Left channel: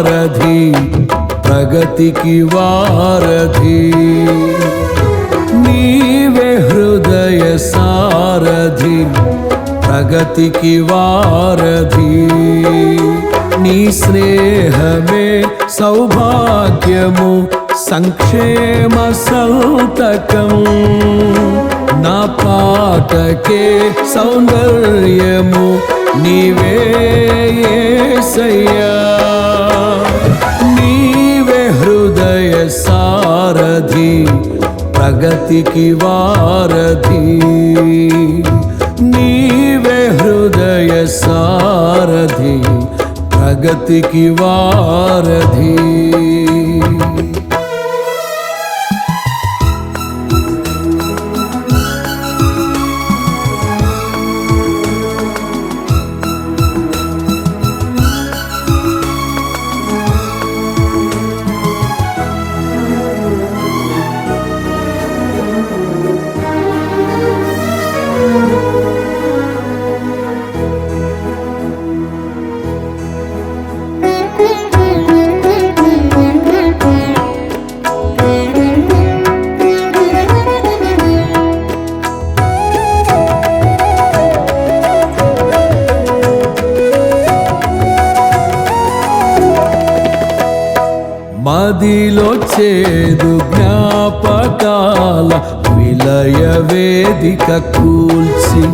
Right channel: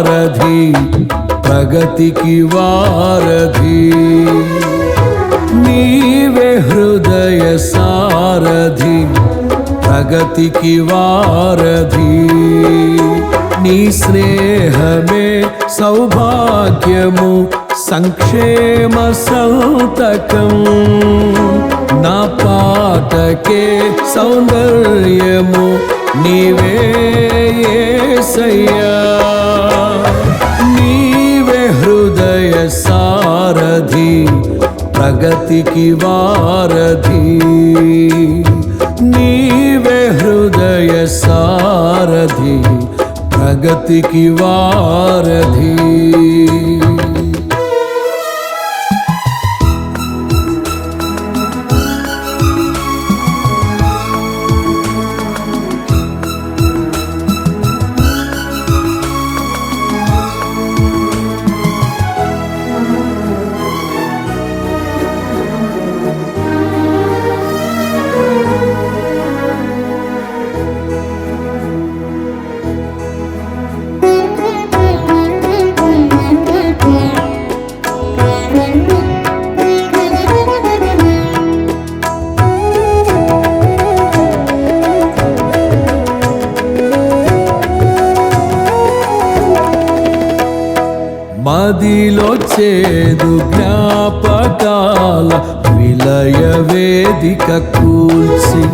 సారథి ప్రగతికి వారధి నీవే హృదయ సారథి ప్రగతికి వారధి నీ స్నేహమే సౌభాగ్యము సంక్షేమ సంతకం నా పాటకే సౌందర్యము నీవే యేసయ్యా నీవే హృదయ సారథి ప్రగతికి వారధి నీవే హృదయ సారథి ప్రగతికి వారధి మదిలో చేదు జ్ఞాపకాల విలయ వేదిక కూల్చి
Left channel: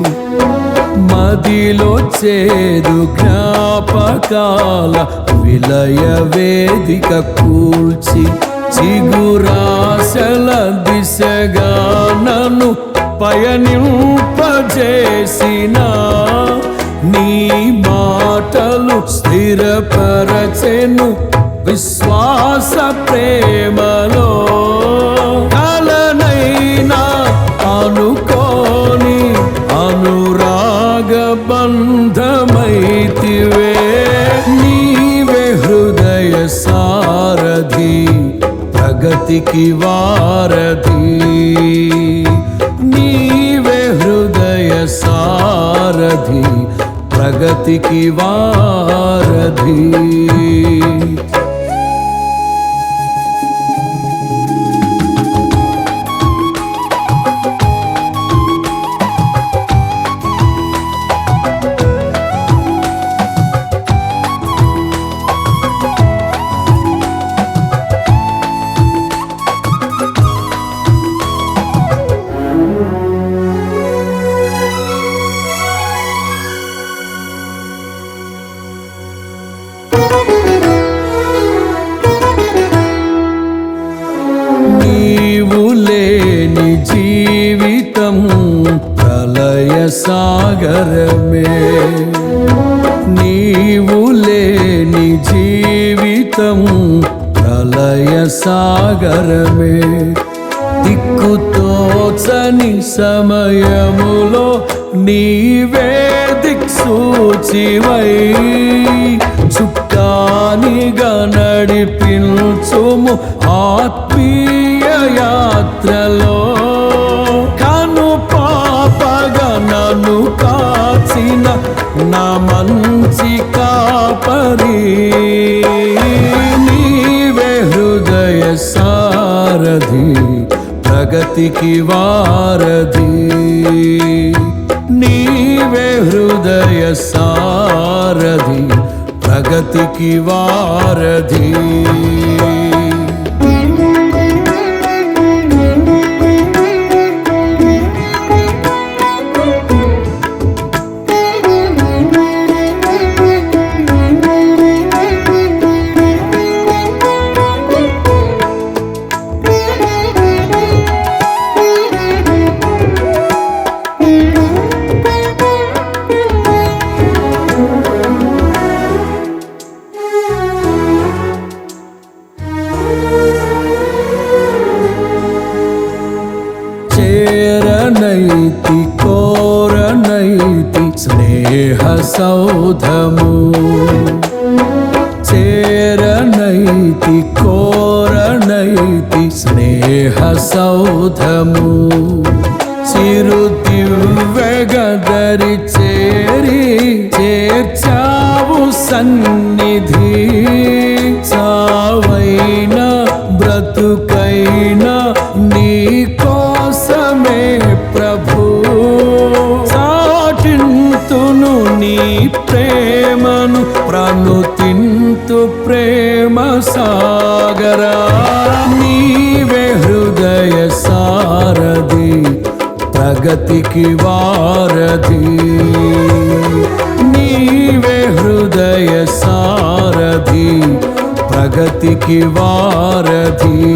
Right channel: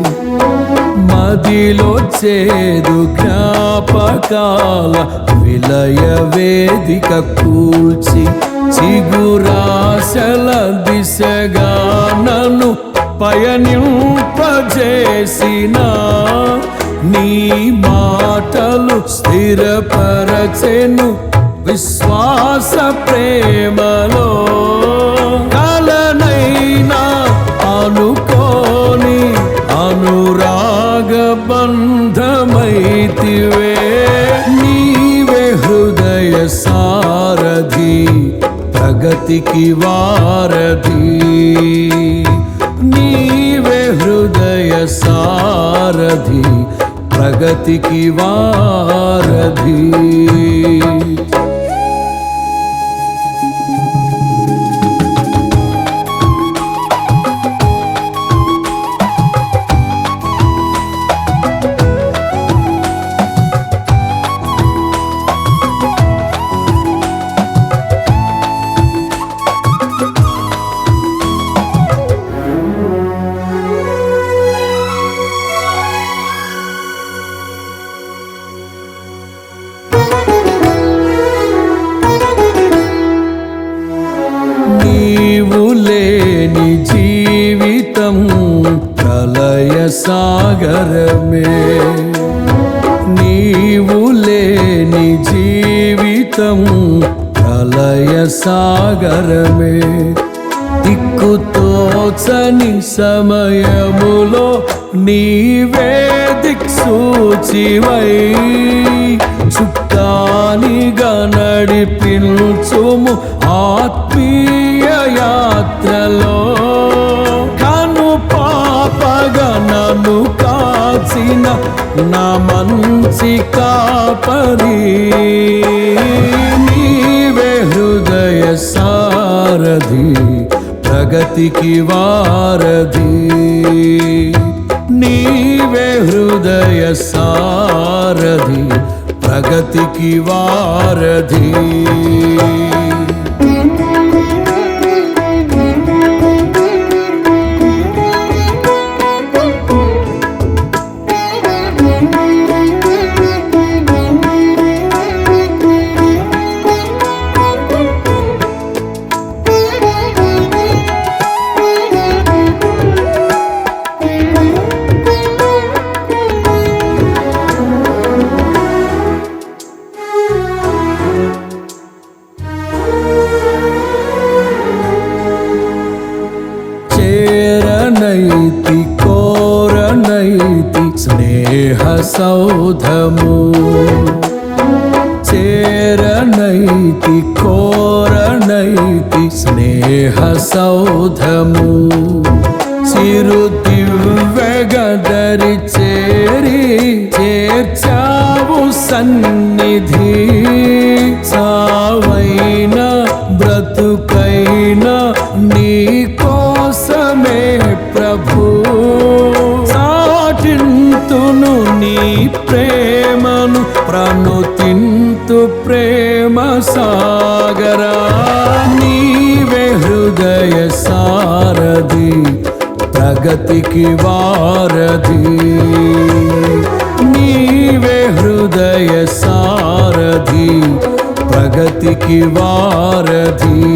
మదిలో చేదు జ్ఞాపకాల విలయ వేదిక కూల్చి చిగురాశల దిశగా నన్ను పయనింపజేసిన నీ మాటలు స్థిరపరచెను విశ్వాస ప్రేమలో కలనైనా అనుకోని అనురాగ బంధమైతివే నీవే హృదయ సారథి ప్రగతికి వారధి నీవే హృదయ సారథి ప్రగతికి వారధి నీవు లేని జీవితం ప్రళయ సాగరమే నీవు లేని జీవితం ప్రళయ సాగరమే దిక్కుతోచని సమయములో నీవే దిక్సూచివై చుక్కానిగా నడిపించుము ఆత్మీయ యాత్రలో కను పాపగా నన్ను కాచిన నా మంచి కాపరి నీవే హృదయ సారథి ప్రగతికి వారధి నీవే హృదయ సారథి ప్రగతికి వారధి చేరనైతి కోరనైతి స్నేహ సౌధము చేరనైతి కోరనైతి స్నేహ సౌధము చిరు దివ్యగదరి చేర్చావు సన్నిధి. చావైన బ్రతుకైన నీ కోసమే ప్రభు. చాటింతును నీ ప్రేమను ప్రణుతింతు ప్రేమ సాగరా. నీవే హృదయ సారథి ప్రగతికి వారధి. నీవే హృదయ సారథి ప్రగతికి వారధి.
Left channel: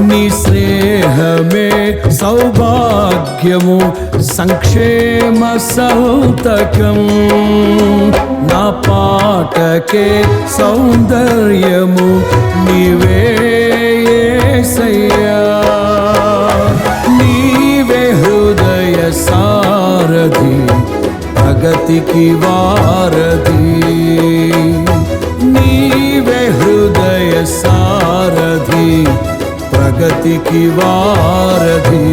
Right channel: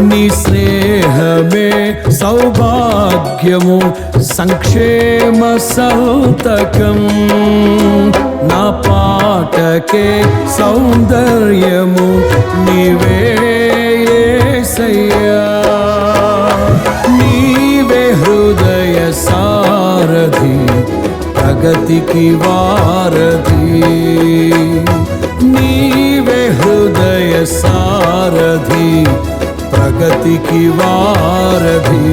నీ స్నేహమే సౌభాగ్యము సంక్షేమ సంతకం. నా పాటకే సౌందర్యము నీవే యేసయ్యా. నీవే హృదయ సారథి ప్రగతికి వారధి. నీవే హృదయ సారథి ప్రగతికి వారధి.